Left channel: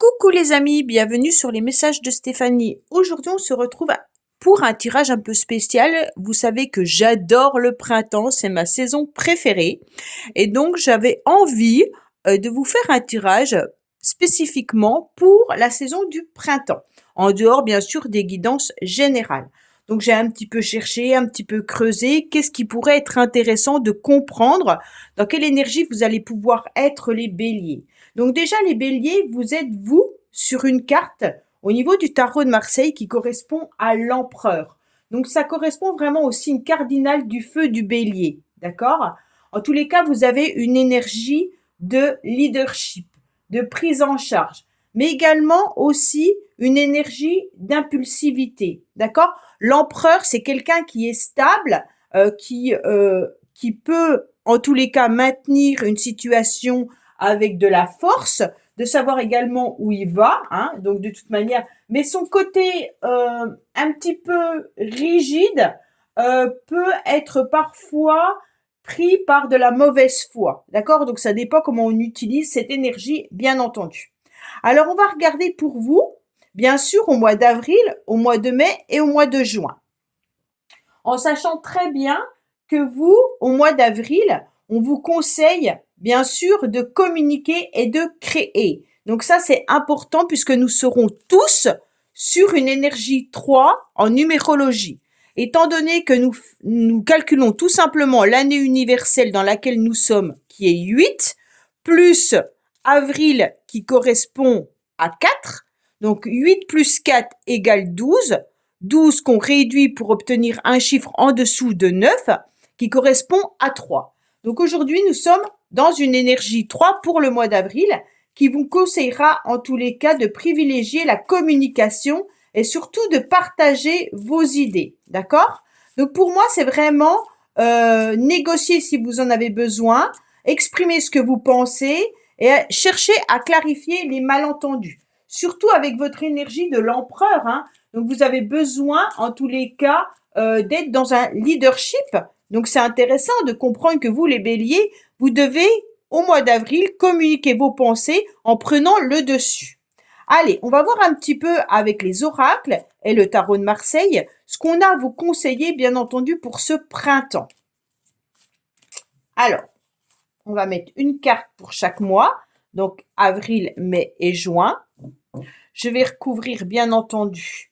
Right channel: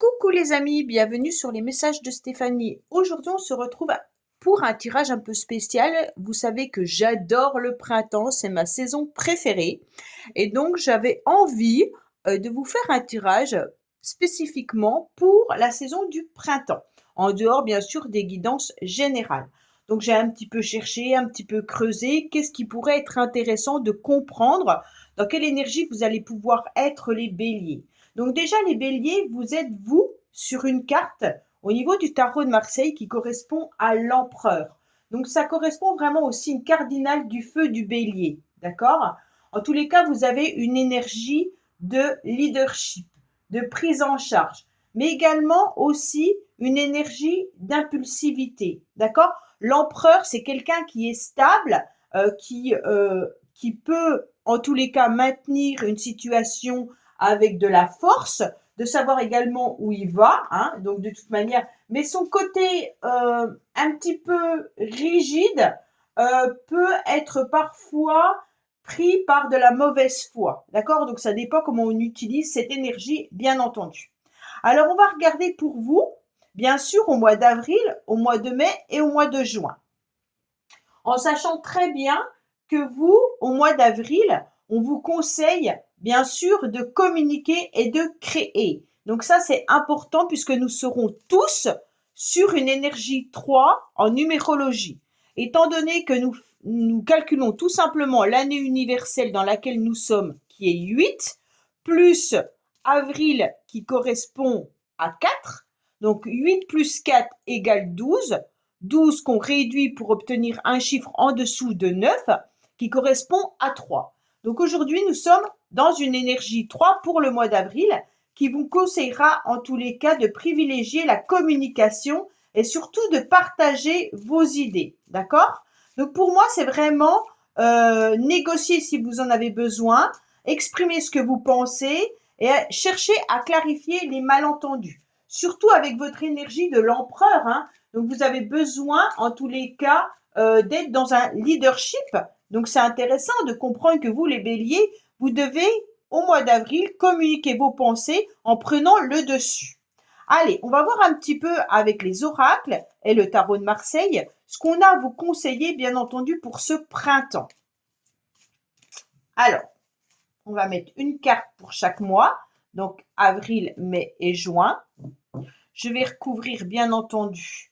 Coucou les amis, bienvenue sur les messages de Stéphanie. Aujourd'hui, on se retrouve pour un tirage un peu spécial. Vous savez que j'adore le printemps, c'est ma saison préférée. Et donc, j'avais envie de vous faire un tirage spécifiquement pour la saison du printemps, en dehors bien sûr des guidances générales. Donc, j'ai un petit peu cherché, un petit peu creusé, qu'est-ce qui pourrait être intéressant de comprendre, dans quelle énergie vous allez pouvoir être les béliers. Donc déjà, les béliers, vous êtes vous sur une carte au niveau du tarot de Marseille qui correspond à l'empereur. Donc ça correspond vraiment au signe cardinal du feu du bélier, d'accord? En tous les cas, vous avez une énergie de leadership, de prise en charge, mais également aussi une énergie d'impulsivité, d'accord? L'empereur, c'est quelqu'un qui est stable, qui peut en tous les cas maintenir une situation avec de la force, de savoir également où il va, hein, donc de toute manière, mais son côté un petit peu rigide peut être parfois pris par de la mauvaise foi, d'accord? Donc ça dépend comment on utilise cette énergie, bien entendu. Alors on va regarder pour vous, bien sûr, au mois d'avril, au mois de mai et au mois de juin, en sachant très bien que vous, au mois d'avril, on vous conseille bien sûr de communiquer et de créer. Donc ça, c'est important puisque nous serons tous sur une énergie 3 en numérologie. Étant donné que nous calculons tout simplement l'année universelle dans laquelle nous sommes, qui est 8, plus avril qui correspond à 4, donc 8 plus 4 égale 12, 12 qu'on réduit pour obtenir un chiffre en dessous de 9 qui correspond à 3. Donc aujourd'hui, nous sommes dans une énergie 3 pour le mois d'avril qui vous conseillera en tous les cas de privilégier la communication et surtout de partager vos idées. D'accord? Donc pour moi, c'est vraiment négocier si vous en avez besoin, exprimer ce que vous pensez et chercher à clarifier les malentendus. Surtout avec votre énergie de l'empereur, hein. Donc vous avez besoin en tous les cas d'être dans un leadership. Donc c'est intéressant de comprendre que vous, les béliers, vous devez, au mois d'avril, communiquer vos pensées en prenant le dessus. Allez, on va voir un petit peu avec les oracles et le tarot de Marseille ce qu'on a à vous conseiller, bien entendu, pour ce printemps. Alors, on va mettre une carte pour chaque mois, donc avril, mai et juin. Je vais recouvrir, bien entendu,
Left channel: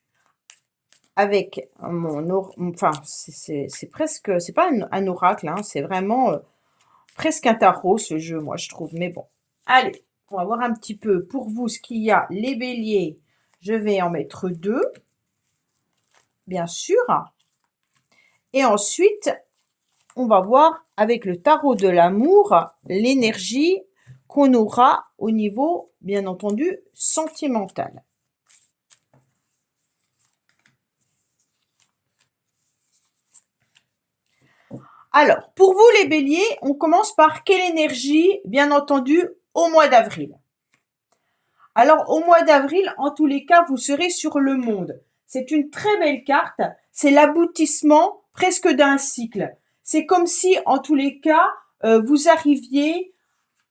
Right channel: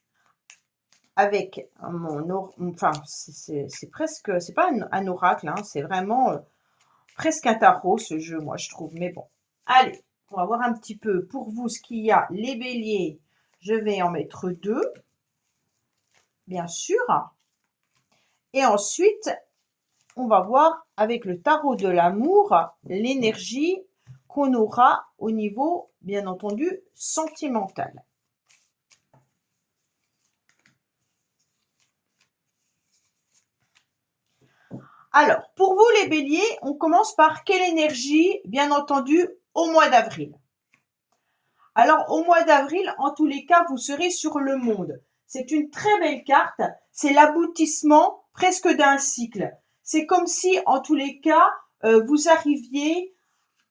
avec enfin, c'est presque, c'est pas un oracle, hein, c'est vraiment presque un tarot ce jeu, moi je trouve, mais bon. Allez, on va voir un petit peu pour vous ce qu'il y a. Les béliers, je vais en mettre 2, bien sûr. Et ensuite, on va voir avec le tarot de l'amour l'énergie qu'on aura au niveau, bien entendu, sentimental. Alors, pour vous les béliers, on commence par quelle énergie, bien entendu, au mois d'avril? Alors, au mois d'avril, en tous les cas, vous serez sur le monde. C'est une très belle carte, c'est l'aboutissement presque d'un cycle. C'est comme si, en tous les cas, vous arriviez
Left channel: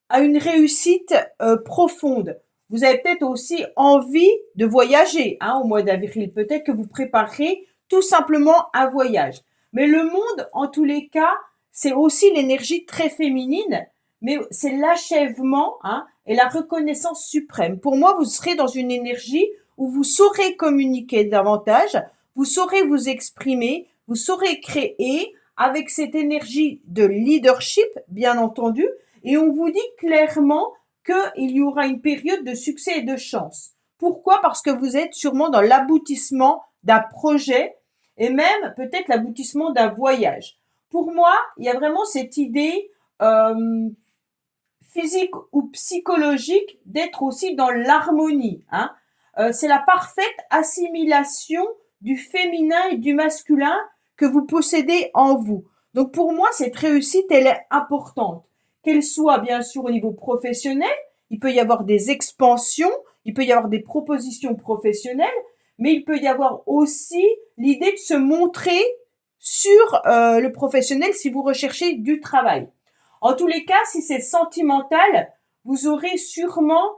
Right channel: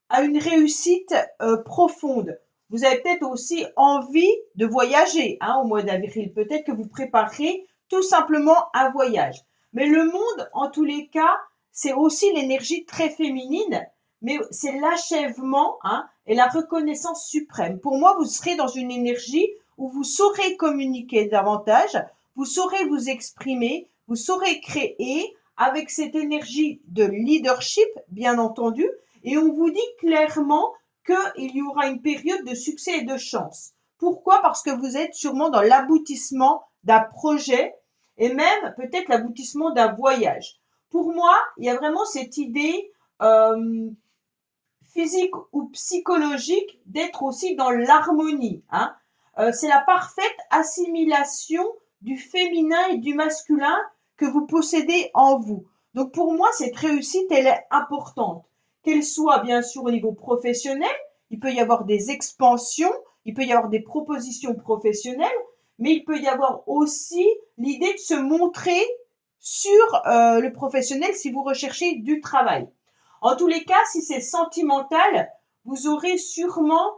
à une réussite profonde. Vous avez peut-être aussi envie de voyager hein, au mois d'avril. Peut-être que vous préparez tout simplement un voyage. Mais le monde, en tous les cas, c'est aussi l'énergie très féminine, mais c'est l'achèvement hein, et la reconnaissance suprême. Pour moi, vous serez dans une énergie où vous saurez communiquer davantage, vous saurez vous exprimer, vous saurez créer avec cette énergie de leadership, bien entendu, et on vous dit clairement qu'il y aura une période de succès et de chance. Pourquoi? Parce que vous êtes sûrement dans l'aboutissement d'un projet et même peut-être l'aboutissement d'un voyage. Pour moi, il y a vraiment cette idée physique ou psychologique d'être aussi dans l'harmonie. Hein. C'est la parfaite assimilation du féminin et du masculin que vous possédez en vous. Donc pour moi, cette réussite, elle est importante. Qu'elle soit bien sûr au niveau professionnel, il peut y avoir des expansions, il peut y avoir des propositions professionnelles, mais il peut y avoir aussi l'idée de se montrer sur le professionnel si vous recherchez du travail. En tous les cas, si c'est sentimental, vous aurez sûrement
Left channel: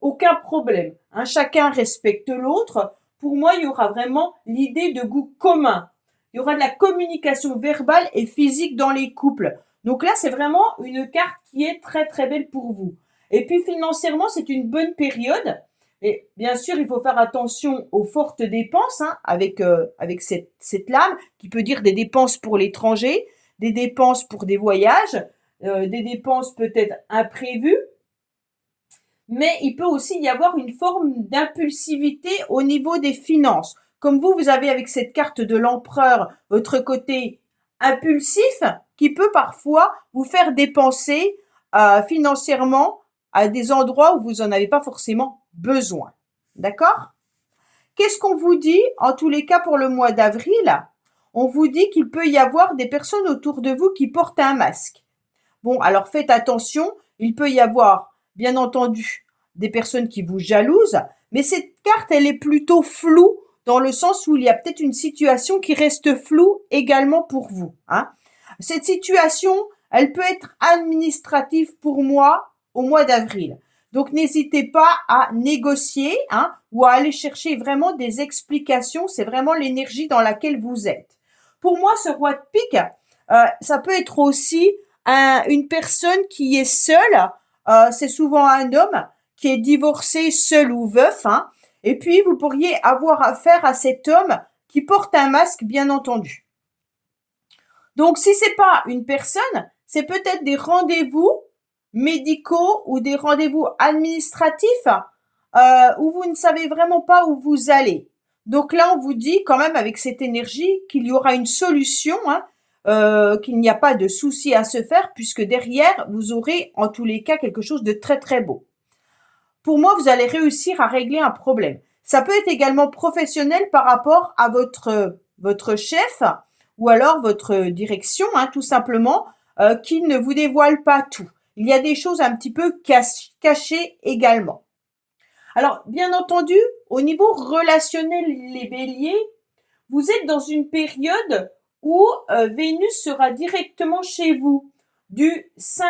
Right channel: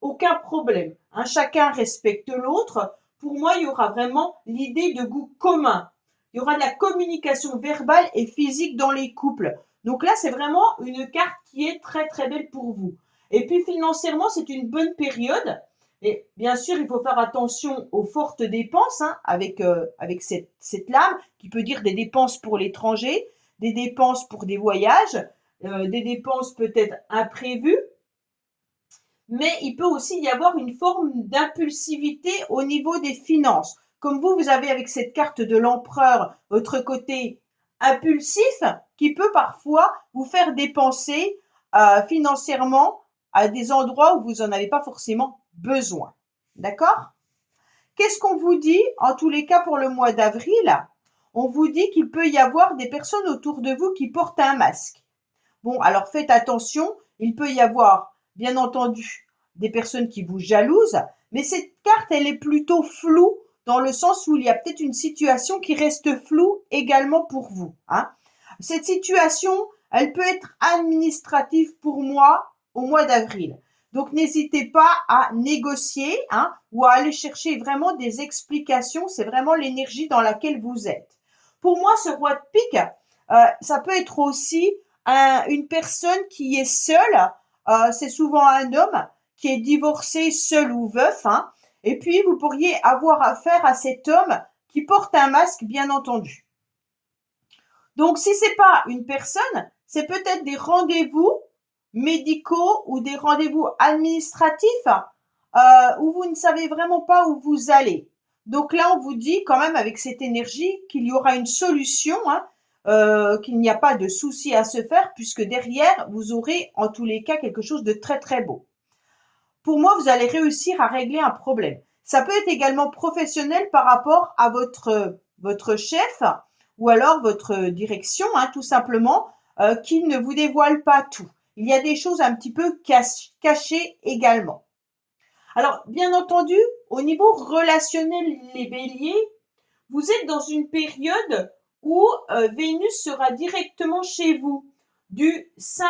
aucun problème, hein. Chacun respecte l'autre. Pour moi, il y aura vraiment l'idée de goût commun. Il y aura de la communication verbale et physique dans les couples. Donc là, c'est vraiment une carte qui est très très belle pour vous. Et puis financièrement, c'est une bonne période. Et bien sûr, il faut faire attention aux fortes dépenses, hein, avec cette lame qui peut dire des dépenses pour l'étranger, des dépenses pour des voyages, des dépenses peut-être imprévues, mais il peut aussi y avoir une forme d'impulsivité au niveau des finances. Comme vous avez avec cette carte de l'empereur votre côté impulsif qui peut parfois vous faire dépenser financièrement à des endroits où vous n'en avez pas forcément besoin. D'accord? Qu'est-ce qu'on vous dit en tous les cas pour le mois d'avril? On vous dit qu'il peut y avoir des personnes autour de vous qui portent un masque. Bon, alors faites attention, il peut y avoir, bien entendu, des personnes qui vous jalousent, mais cette carte, elle est plutôt floue dans le sens où il y a peut-être une situation qui reste floue également pour vous, hein. Cette situation, elle peut être administrative pour moi au mois d'avril. Donc n'hésitez pas à négocier, hein, ou à aller chercher vraiment des explications. C'est vraiment l'énergie dans laquelle vous êtes. Pour moi, ce roi de pique, ça peut être aussi une personne qui est seule. C'est souvent un homme qui est divorcé, seul ou veuf, hein. Et puis, vous pourriez avoir affaire à cet homme qui porte un masque, bien entendu. Donc, si c'est pas une personne, c'est peut-être des rendez-vous médicaux ou des rendez-vous administratifs où vous ne savez vraiment pas où vous allez. Donc là, on vous dit quand même avec cette énergie qu'il y aura une solution, hein, qu'il n'y a pas de souci à se faire puisque derrière, vous aurez en tous les cas quelque chose de très très beau. Pour moi, vous allez réussir à régler un problème. Ça peut être également professionnel par rapport à votre chef ou alors votre direction, hein, tout simplement, qui ne vous dévoile pas tout. Il y a des choses un petit peu cachées également. Alors, bien entendu, au niveau relationnel, les béliers, vous êtes dans une période où Vénus sera directement chez vous, du 5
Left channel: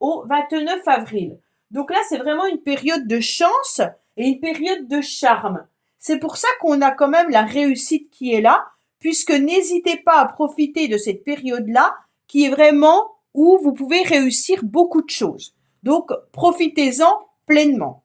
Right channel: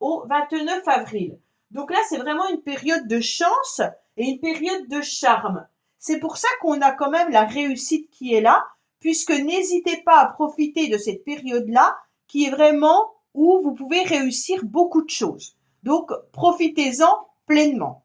au 29 avril. Donc là, c'est vraiment une période de chance et une période de charme. C'est pour ça qu'on a quand même la réussite qui est là, puisque n'hésitez pas à profiter de cette période-là, qui est vraiment où vous pouvez réussir beaucoup de choses. Donc, profitez-en pleinement.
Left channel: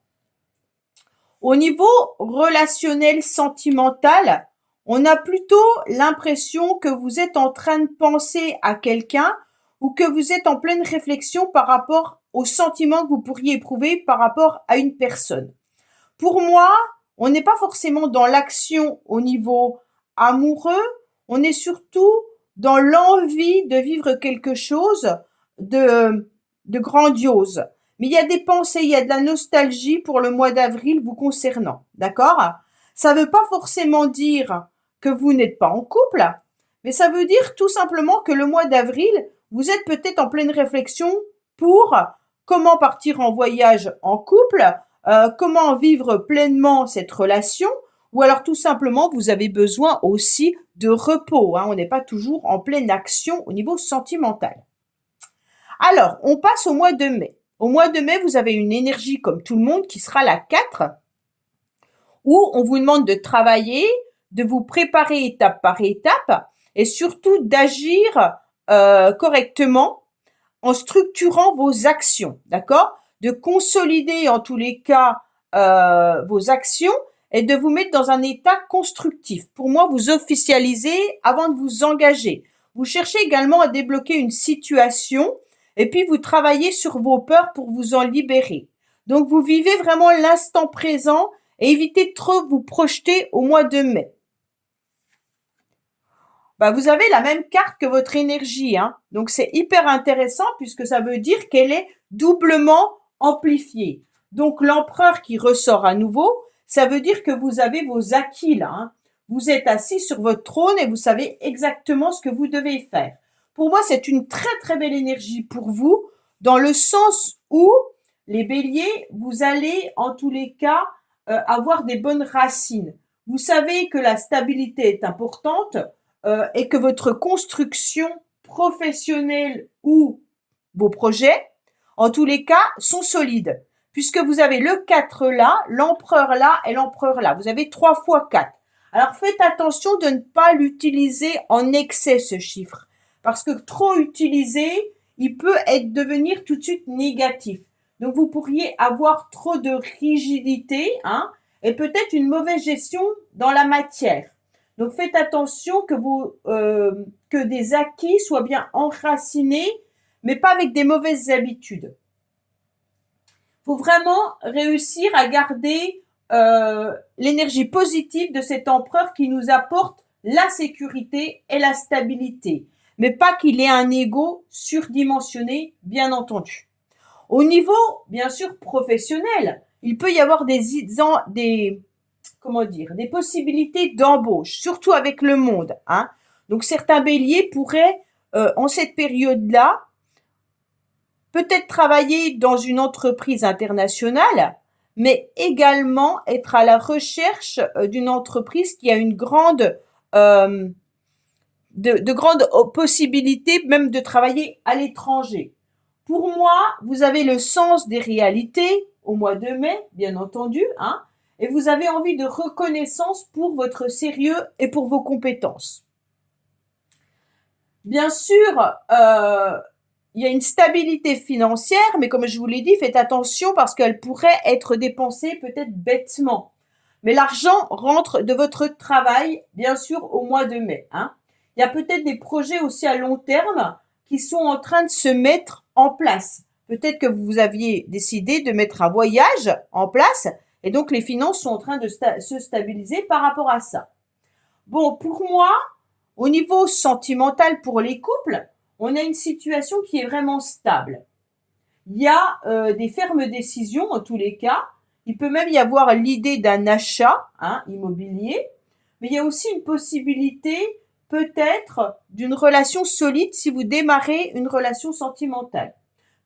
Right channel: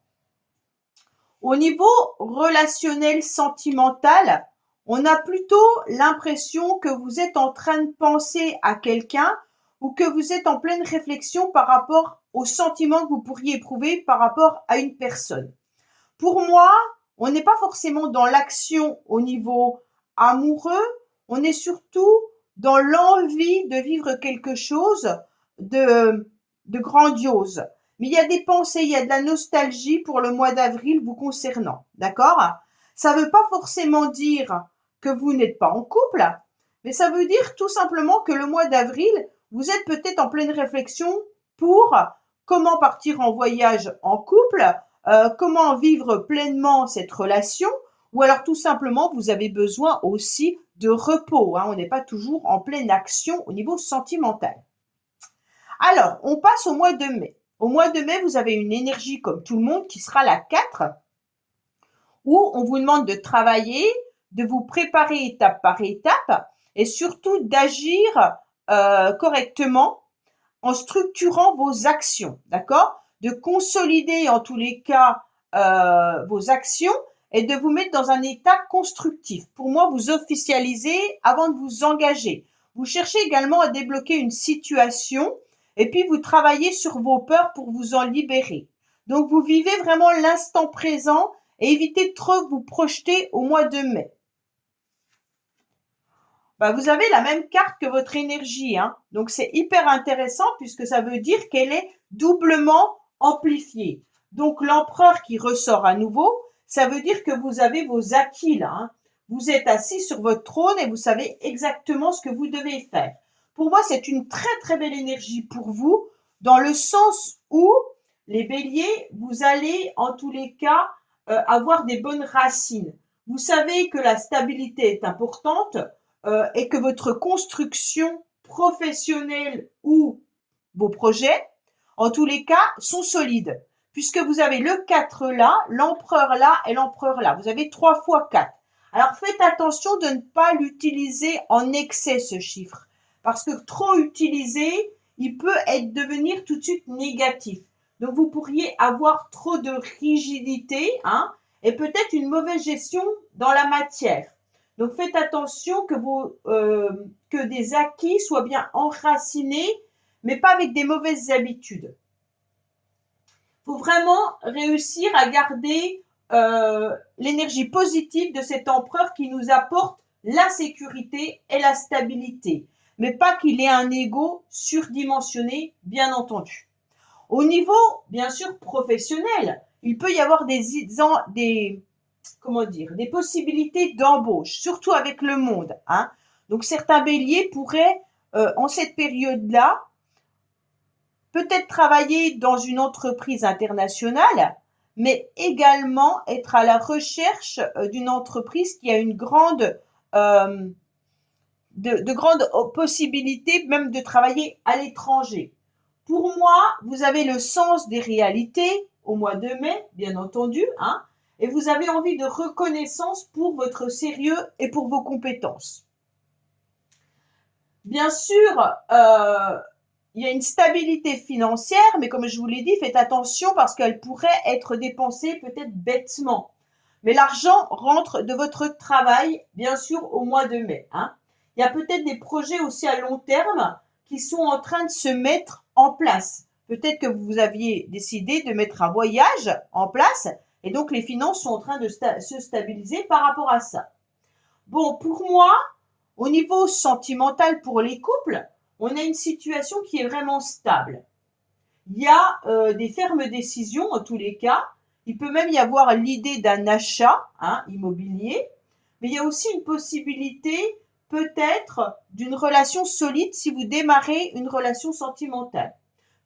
Au niveau relationnel sentimental, on a plutôt l'impression que vous êtes en train de penser à quelqu'un ou que vous êtes en pleine réflexion par rapport aux sentiments que vous pourriez éprouver par rapport à une personne. Pour moi, on n'est pas forcément dans l'action au niveau amoureux, on est surtout dans l'envie de vivre quelque chose de grandiose. Mais il y a des pensées, il y a de la nostalgie pour le mois d'avril vous concernant, d'accord? Ça ne veut pas forcément dire que vous n'êtes pas en couple, mais ça veut dire tout simplement que le mois d'avril, vous êtes peut-être en pleine réflexion pour comment partir en voyage en couple, comment vivre pleinement cette relation, ou alors tout simplement vous avez besoin aussi de repos, hein. On n'est pas toujours en pleine action au niveau sentimental. Alors, on passe au mois de mai. Au mois de mai, vous avez une énergie comme tout le monde qui sera la 4, où on vous demande de travailler, de vous préparer étape par étape et surtout d'agir correctement en structurant vos actions, d'accord? De consolider en tous les cas vos actions et de vous mettre dans un état constructif. Pour moi, vous officialisez avant de vous engager. Vous cherchez également à débloquer une situation et puis vous travaillez sur vos peurs pour vous en libérer. Donc vous vivez vraiment l'instant présent et évitez de trop vous projeter au mois de mai. Bah, vous avez la même carte que votre énergie, hein. Donc c'est hyper intéressant puisque ça veut dire qu'elle est doublement amplifiée. Donc l'empereur qui ressort à nouveau, ça veut dire que vous avez vos acquis là, hein. Vous êtes assis sur votre trône et vous savez exactement ce que vous devez faire. Pour moi, c'est une très très belle énergie pour vous, dans le sens où les béliers, vous allez en tous les cas avoir des bonnes racines. Vous savez que la stabilité est importante et que votre construction professionnelle ou vos projets, en tous les cas, sont solides. puisque vous avez le 4 là, l'empereur là et l'empereur là. Vous avez 3 fois 4. Alors faites attention de ne pas l'utiliser en excès ce chiffre, parce que trop utilisé, il peut devenir tout de suite négatif. Donc vous pourriez avoir trop de rigidité, hein, et peut-être une mauvaise gestion dans la matière. Donc faites attention que des acquis soient bien enracinés, mais pas avec des mauvaises habitudes. Il faut vraiment réussir à garder l'énergie positive de cet empereur qui nous apporte la sécurité et la stabilité, mais pas qu'il ait un ego surdimensionné, bien entendu. Au niveau, bien sûr, professionnel, il peut y avoir des possibilités d'embauche, surtout avec le monde, hein. Donc certains béliers pourraient, en cette période-là, peut-être travailler dans une entreprise internationale, mais également être à la recherche d'une entreprise qui a une grande de grandes possibilités même de travailler à l'étranger. Pour moi, vous avez le sens des réalités au mois de mai, bien entendu, hein, et vous avez envie de reconnaissance pour votre sérieux et pour vos compétences. Bien sûr, il y a une stabilité financière, mais comme je vous l'ai dit, faites attention parce qu'elle pourrait être dépensée peut-être bêtement. Mais l'argent rentre de votre travail, bien sûr, au mois de mai, hein. Il y a peut-être des projets aussi à long terme qui sont en train de se mettre en place. Peut-être que vous aviez décidé de mettre un voyage en place et donc les finances sont en train de se stabiliser par rapport à ça. Bon, pour moi, au niveau sentimental pour les couples, on a une situation qui est vraiment stable. Il y a des fermes décisions en tous les cas. Il peut même y avoir l'idée d'un achat, hein, immobilier, mais il y a aussi une possibilité peut-être d'une relation solide si vous démarrez une relation sentimentale.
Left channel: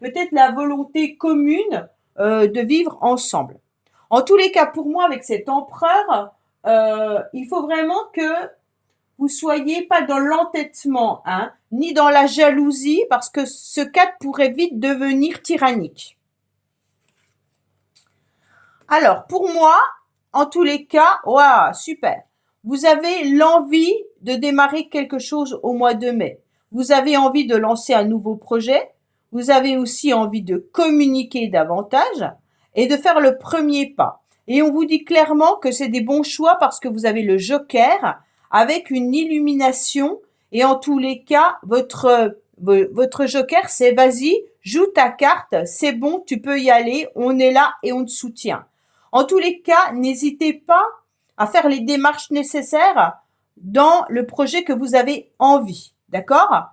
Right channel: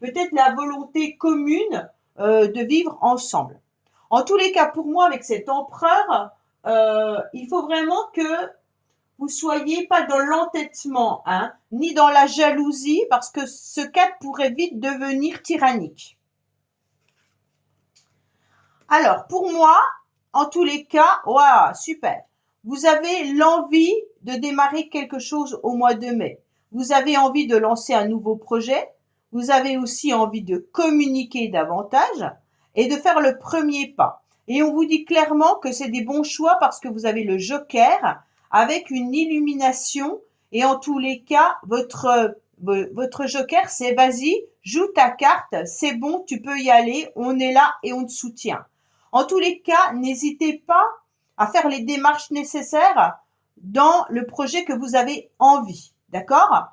Peut-être la volonté commune de vivre ensemble. En tous les cas, pour moi, avec cet empereur, il faut vraiment que vous soyez pas dans l'entêtement, hein, ni dans la jalousie, parce que ce 4 pourrait vite devenir tyrannique. Alors, pour moi, en tous les cas, waouh, super. Vous avez l'envie de démarrer quelque chose au mois de mai. Vous avez envie de lancer un nouveau projet. Vous avez aussi envie de communiquer davantage et de faire le premier pas. Et on vous dit clairement que c'est des bons choix parce que vous avez le joker avec une illumination et en tous les cas, votre joker, c'est vas-y, joue ta carte, c'est bon, tu peux y aller, on est là et on te soutient. En tous les cas, n'hésitez pas à faire les démarches nécessaires dans le projet que vous avez envie, d'accord?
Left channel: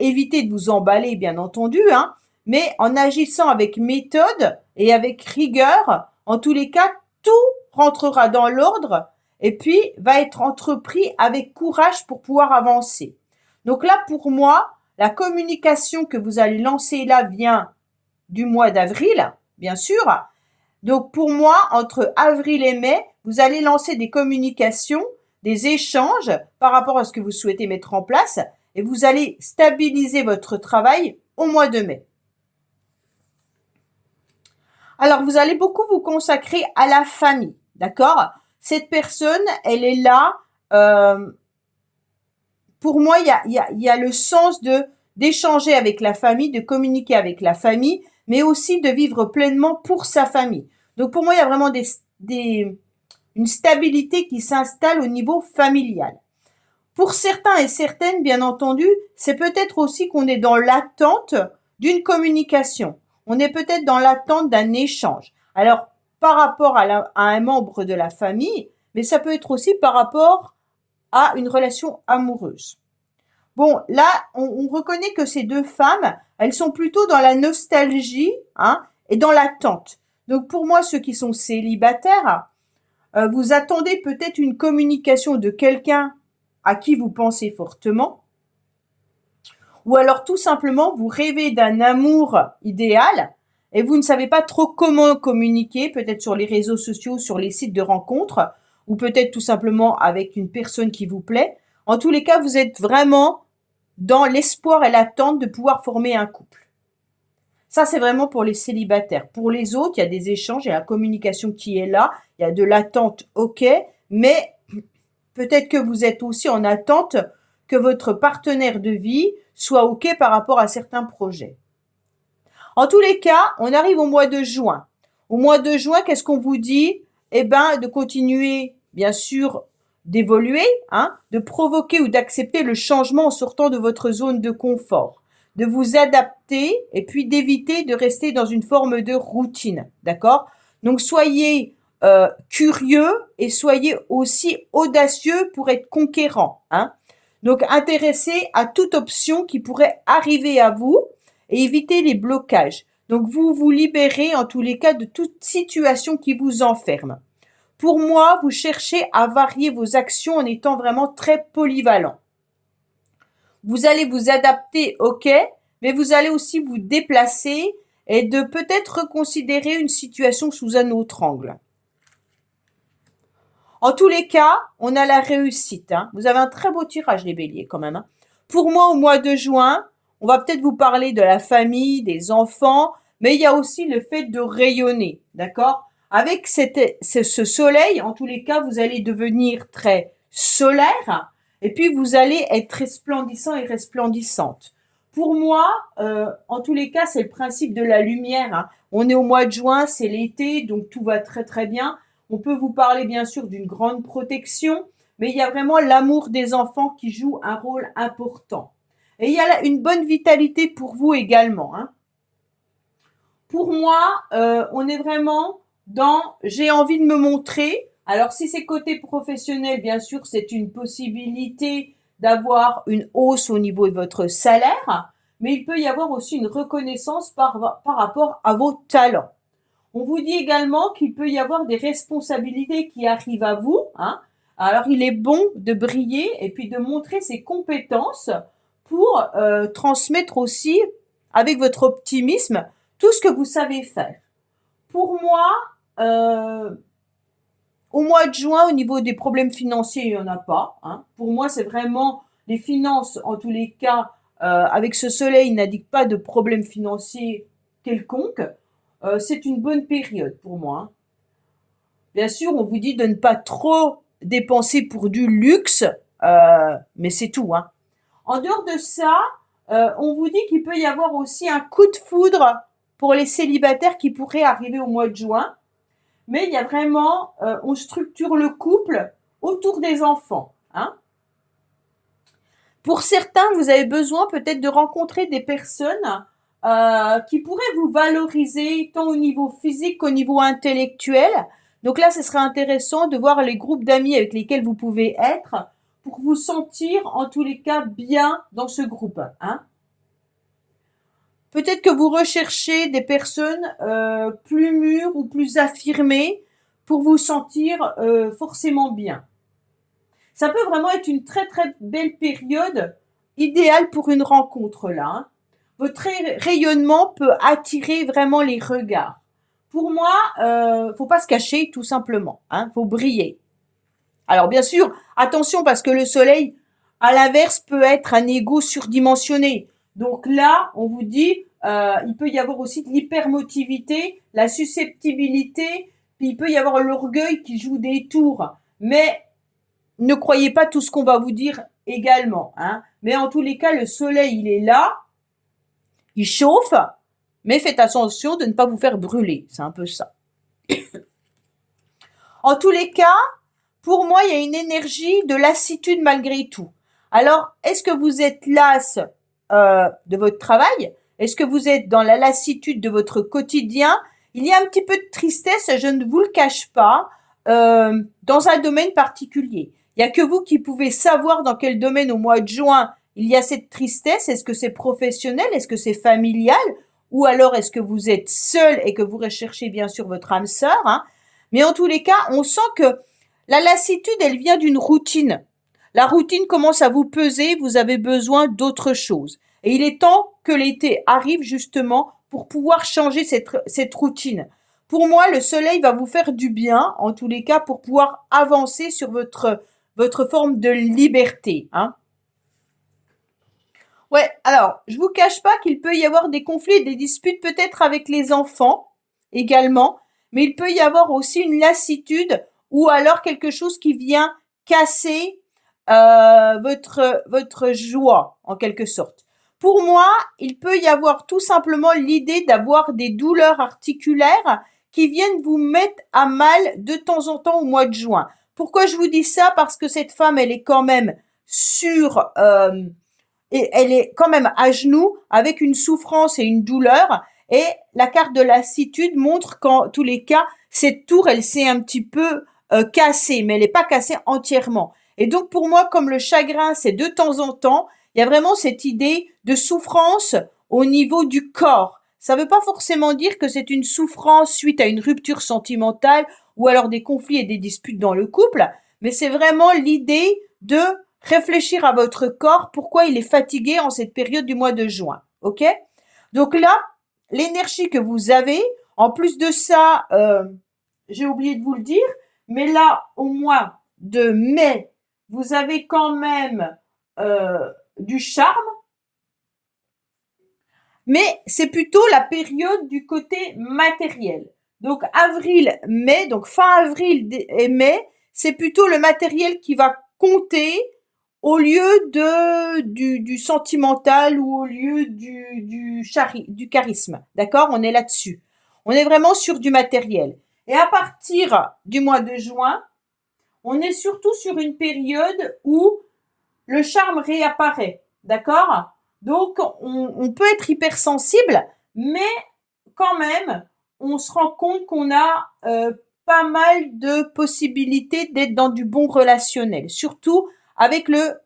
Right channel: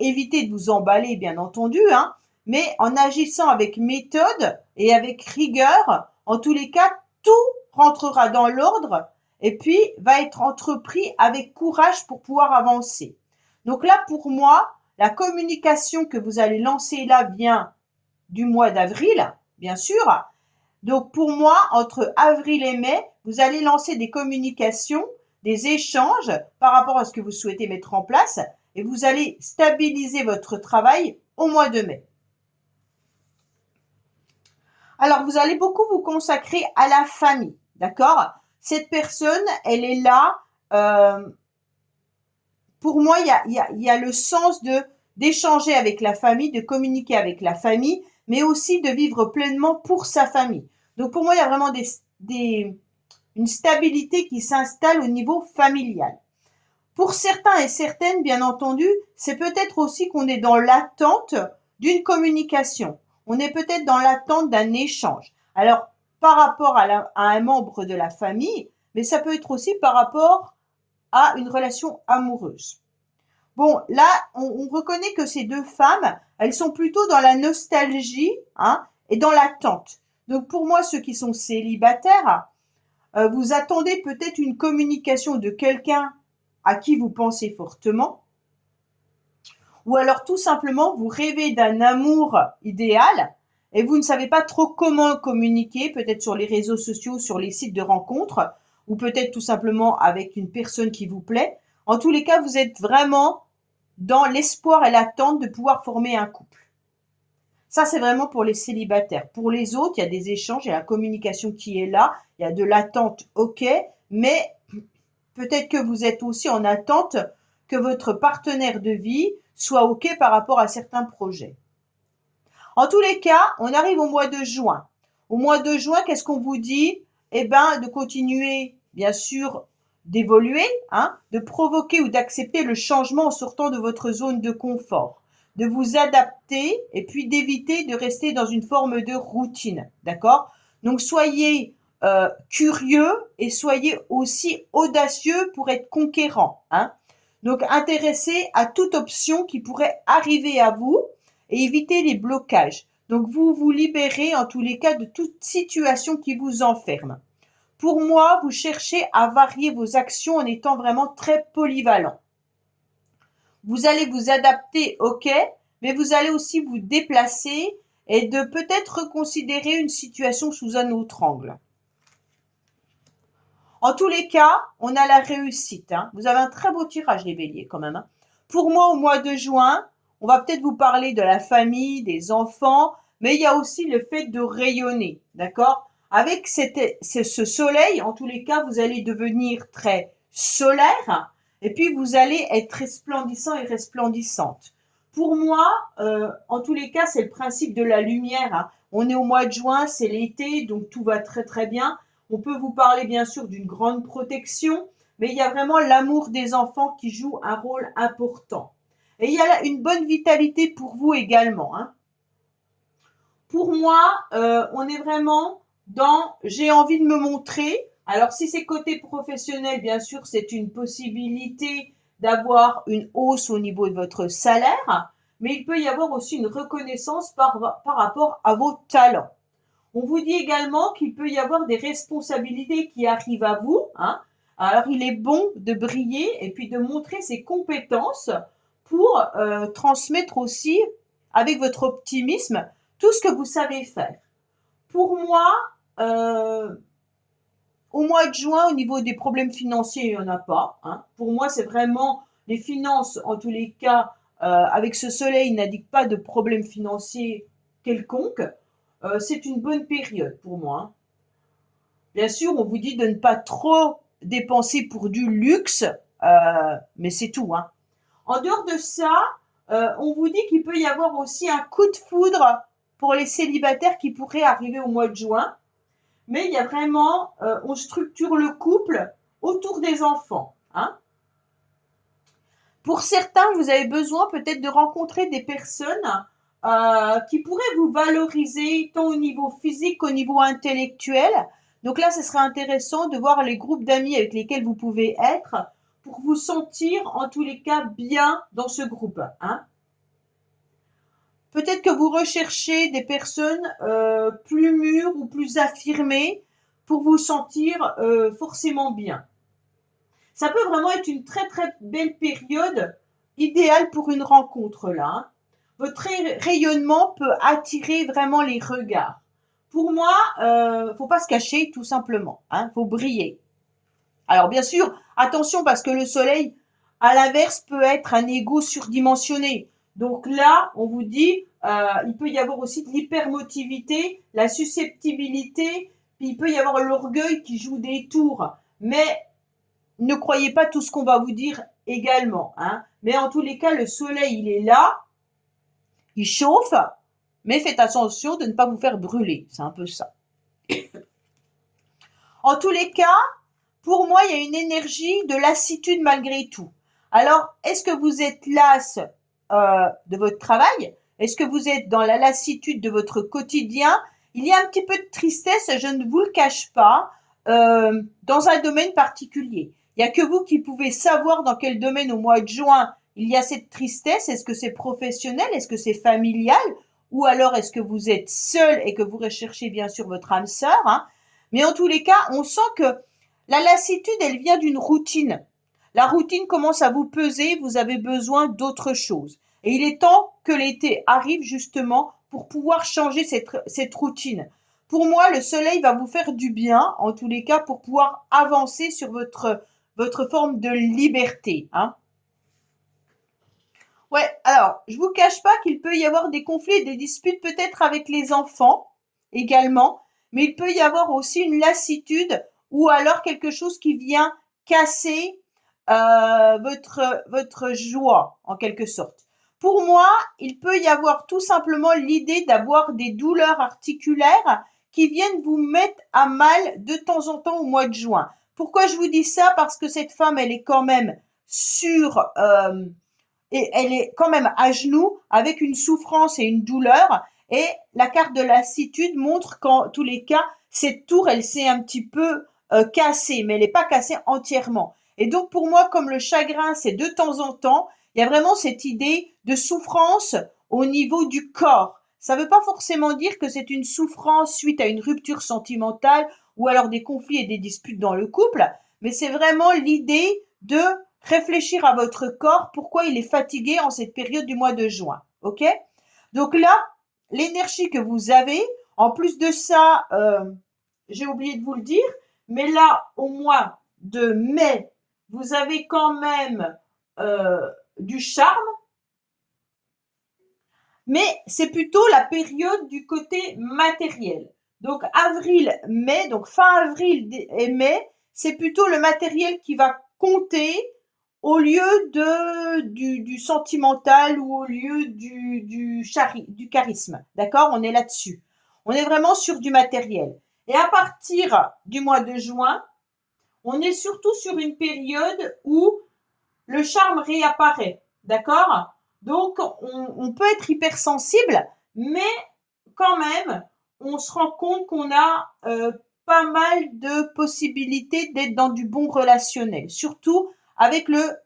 Évitez de vous emballer, bien entendu, hein, mais en agissant avec méthode et avec rigueur, en tous les cas, tout rentrera dans l'ordre et puis va être entrepris avec courage pour pouvoir avancer. Donc là, pour moi, la communication que vous allez lancer là vient du mois d'avril, bien sûr. Donc pour moi, entre avril et mai, vous allez lancer des communications, des échanges par rapport à ce que vous souhaitez mettre en place et vous allez stabiliser votre travail au mois de mai. Alors, vous allez beaucoup vous consacrer à la famille, d'accord? Cette personne, elle est là. Pour moi, il y a le sens d'échanger avec la famille, de communiquer avec la famille, mais aussi de vivre pleinement pour sa famille. Donc, pour moi, il y a vraiment une stabilité qui s'installe au niveau familial. Pour certains et certaines, bien entendu, c'est peut-être aussi qu'on est dans l'attente d'une communication. On est peut-être dans l'attente d'un échange. Alors, par rapport à un membre de la famille, mais ça peut être aussi par rapport à une relation amoureuse. Bon, là, on reconnaît que ces deux femmes, elles sont plutôt dans la nostalgie, hein, et dans l'attente. Donc, pour moi, ceux qui sont célibataires, vous attendez peut-être une communication de quelqu'un à qui vous pensez fortement, ou alors tout simplement vous rêvez d'un amour idéal et vous ne savez pas trop comment communiquer, peut-être sur les réseaux sociaux, sur les sites de rencontres, ou peut-être tout simplement avec une personne qui vous plaît. En tous les cas, vous êtes vraiment dans l'espoir et l'attente de pouvoir former un couple. Ça, c'est vraiment pour les célibataires. Pour les autres, il y a des échanges, il y a la communication qui est là, il y a de l'attente, ok, mais peut-être que vous êtes aussi en attente que votre partenaire de vie soit ok par rapport à certains projets. En tous les cas, on arrive au mois de juin. Au mois de juin, qu'est-ce qu'on vous dit? Eh ben, de continuer, bien sûr, d'évoluer, hein, de provoquer ou d'accepter le changement en sortant de votre zone de confort, de vous adapter et puis d'éviter de rester dans une forme de routine, d'accord? Donc, soyez curieux et soyez aussi audacieux pour être conquérant, hein. Donc, intéressez à toute option qui pourrait arriver à vous et éviter les blocages. Donc, vous vous libérez en tous les cas de toute situation qui vous enferme. Pour moi, vous cherchez à varier vos actions en étant vraiment très polyvalent. Vous allez vous adapter, ok, mais vous allez aussi vous déplacer et de peut-être reconsidérer une situation sous un autre angle. En tous les cas, on a la réussite, hein. Vous avez un très beau tirage, les béliers, quand même, hein. Pour moi, au mois de juin, on va peut-être vous parler de la famille, des enfants, mais il y a aussi le fait de rayonner, d'accord? Avec ce soleil, en tous les cas, vous allez devenir très solaire et puis vous allez être resplendissant et resplendissante. Pour moi, en tous les cas, c'est le principe de la lumière, hein. On est au mois de juin, c'est l'été, donc tout va très très bien. On peut vous parler bien sûr d'une grande protection, mais il y a vraiment l'amour des enfants qui joue un rôle important. Et il y a une bonne vitalité pour vous également, hein. Pour moi, on est vraiment dans j'ai envie de me montrer. Alors si c'est côté professionnel, bien sûr, c'est une possibilité d'avoir une hausse au niveau de votre salaire, mais il peut y avoir aussi une reconnaissance par rapport à vos talents. On vous dit également qu'il peut y avoir des responsabilités qui arrivent à vous, hein. Alors, il est bon de briller et puis de montrer ses compétences pour transmettre aussi, avec votre optimisme, tout ce que vous savez faire. Pour moi, euh, au mois de juin, au niveau des problèmes financiers, il n'y en a pas, hein. Pour moi, c'est vraiment les finances, en tous les cas, avec ce soleil, n'indique pas de problème financier quelconque. C'est une bonne période pour moi, hein. Bien sûr, on vous dit de ne pas trop dépenser pour du luxe, mais c'est tout, hein. En dehors de ça, on vous dit qu'il peut y avoir aussi un coup de foudre pour les célibataires qui pourrait arriver au mois de juin. Mais il y a vraiment, on structure le couple autour des enfants, hein. Pour certains, vous avez besoin peut-être de rencontrer des personnes qui pourraient vous valoriser tant au niveau physique qu'au niveau intellectuel. Donc là, ce serait intéressant de voir les groupes d'amis avec lesquels vous pouvez être pour vous sentir en tous les cas bien dans ce groupe, hein. Peut-être que vous recherchez des personnes plus mûres ou plus affirmées pour vous sentir forcément bien. Ça peut vraiment être une très très belle période idéale pour une rencontre là, hein. Votre rayonnement peut attirer vraiment les regards. Pour moi, faut pas se cacher tout simplement, hein, faut briller. Alors bien sûr, attention parce que le soleil, à l'inverse, peut être un ego surdimensionné. Donc là, on vous dit, il peut y avoir aussi de l'hypermotivité, la susceptibilité, puis il peut y avoir l'orgueil qui joue des tours. Mais ne croyez pas tout ce qu'on va vous dire également, hein. Mais en tous les cas, le soleil, il est là, il chauffe, mais faites attention de ne pas vous faire brûler. C'est un peu ça. En tous les cas, pour moi, il y a une énergie de lassitude malgré tout. Alors, est-ce que vous êtes lasse de votre travail? Est-ce que vous êtes dans la lassitude de votre quotidien? Il y a un petit peu de tristesse, je ne vous le cache pas, dans un domaine particulier. Il n'y a que vous qui pouvez savoir dans quel domaine au mois de juin il y a cette tristesse. Est-ce que c'est professionnel? Est-ce que c'est familial? Ou alors est-ce que vous êtes seul et que vous recherchez bien sûr votre âme sœur, hein? Mais en tous les cas, on sent que la lassitude, elle vient d'une routine. La routine commence à vous peser, vous avez besoin d'autre chose. Et il est temps que l'été arrive justement pour pouvoir changer cette routine. Pour moi, le soleil va vous faire du bien, en tous les cas, pour pouvoir avancer sur votre forme de liberté, hein. Ouais, alors, je vous cache pas qu'il peut y avoir des conflits et des disputes peut-être avec les enfants également, mais il peut y avoir aussi une lassitude ou alors quelque chose qui vient casser votre joie en quelque sorte. Pour moi, il peut y avoir tout simplement l'idée d'avoir des douleurs articulaires qui viennent vous mettre à mal de temps en temps au mois de juin. Pourquoi je vous dis ça? Parce que cette femme, elle est quand même sur et elle est quand même à genoux avec une souffrance et une douleur. Et la carte de lassitude montre qu'en tous les cas, cette tour, elle s'est un petit peu cassée, mais elle n'est pas cassée entièrement. Et donc pour moi, comme le chagrin, c'est de temps en temps, il y a vraiment cette idée de souffrance au niveau du corps. Ça ne veut pas forcément dire que c'est une souffrance suite à une rupture sentimentale ou alors des conflits et des disputes dans le couple, mais c'est vraiment l'idée de réfléchir à votre corps, pourquoi il est fatigué en cette période du mois de juin. OK? Donc là, l'énergie que vous avez, en plus de ça, j'ai oublié de vous le dire, mais là, au mois de mai, vous avez quand même du charme, mais c'est plutôt la période du côté matériel. Donc avril, mai, donc fin avril et mai, c'est plutôt le matériel qui va compter au lieu du sentimental ou au lieu du charisme. D'accord? On est là-dessus. On est vraiment sur du matériel. Et à partir du mois de juin, on est surtout sur une période où le charme réapparaît. D'accord? Donc, on peut être hypersensible, mais quand même, on se rend compte qu'on a pas mal de possibilités d'être dans du bon relationnel. Surtout avec le...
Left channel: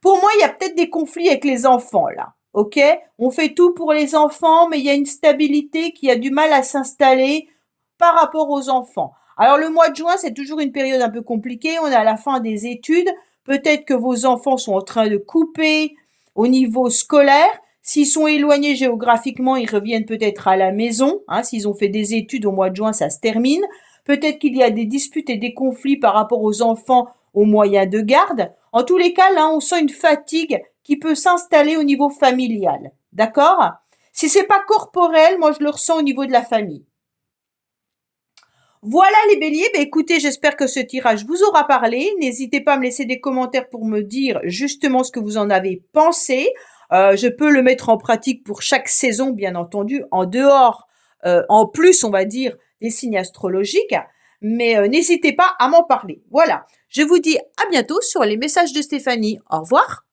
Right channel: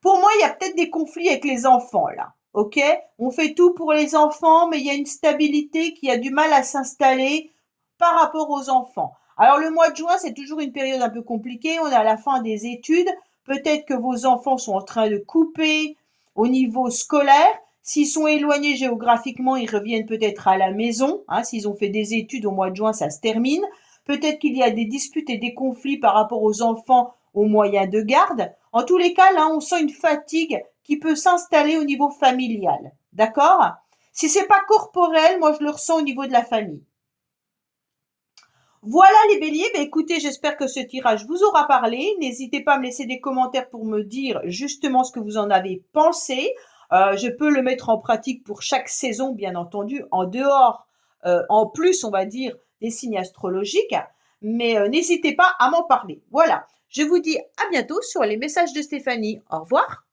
Pour moi, il y a peut-être des conflits avec les enfants, là. OK? On fait tout pour les enfants, mais il y a une stabilité qui a du mal à s'installer par rapport aux enfants. Alors, le mois de juin, c'est toujours une période un peu compliquée. On est à la fin des études. Peut-être que vos enfants sont en train de couper au niveau scolaire. S'ils sont éloignés géographiquement, ils reviennent peut-être à la maison. Hein, s'ils ont fait des études au mois de juin, ça se termine. Peut-être qu'il y a des disputes et des conflits par rapport aux enfants aux moyens de garde. En tous les cas, là, on sent une fatigue qui peut s'installer au niveau familial. D'accord? Si c'est pas corporel, moi je le ressens au niveau de la famille. Voilà les béliers, ben écoutez, j'espère que ce tirage vous aura parlé. N'hésitez pas à me laisser des commentaires pour me dire justement ce que vous en avez pensé. Je peux le mettre en pratique pour chaque saison, bien entendu, en dehors, en plus, on va dire, des signes astrologiques. Mais n'hésitez pas à m'en parler. Voilà, je vous dis à bientôt sur les messages de Stéphanie. Au revoir.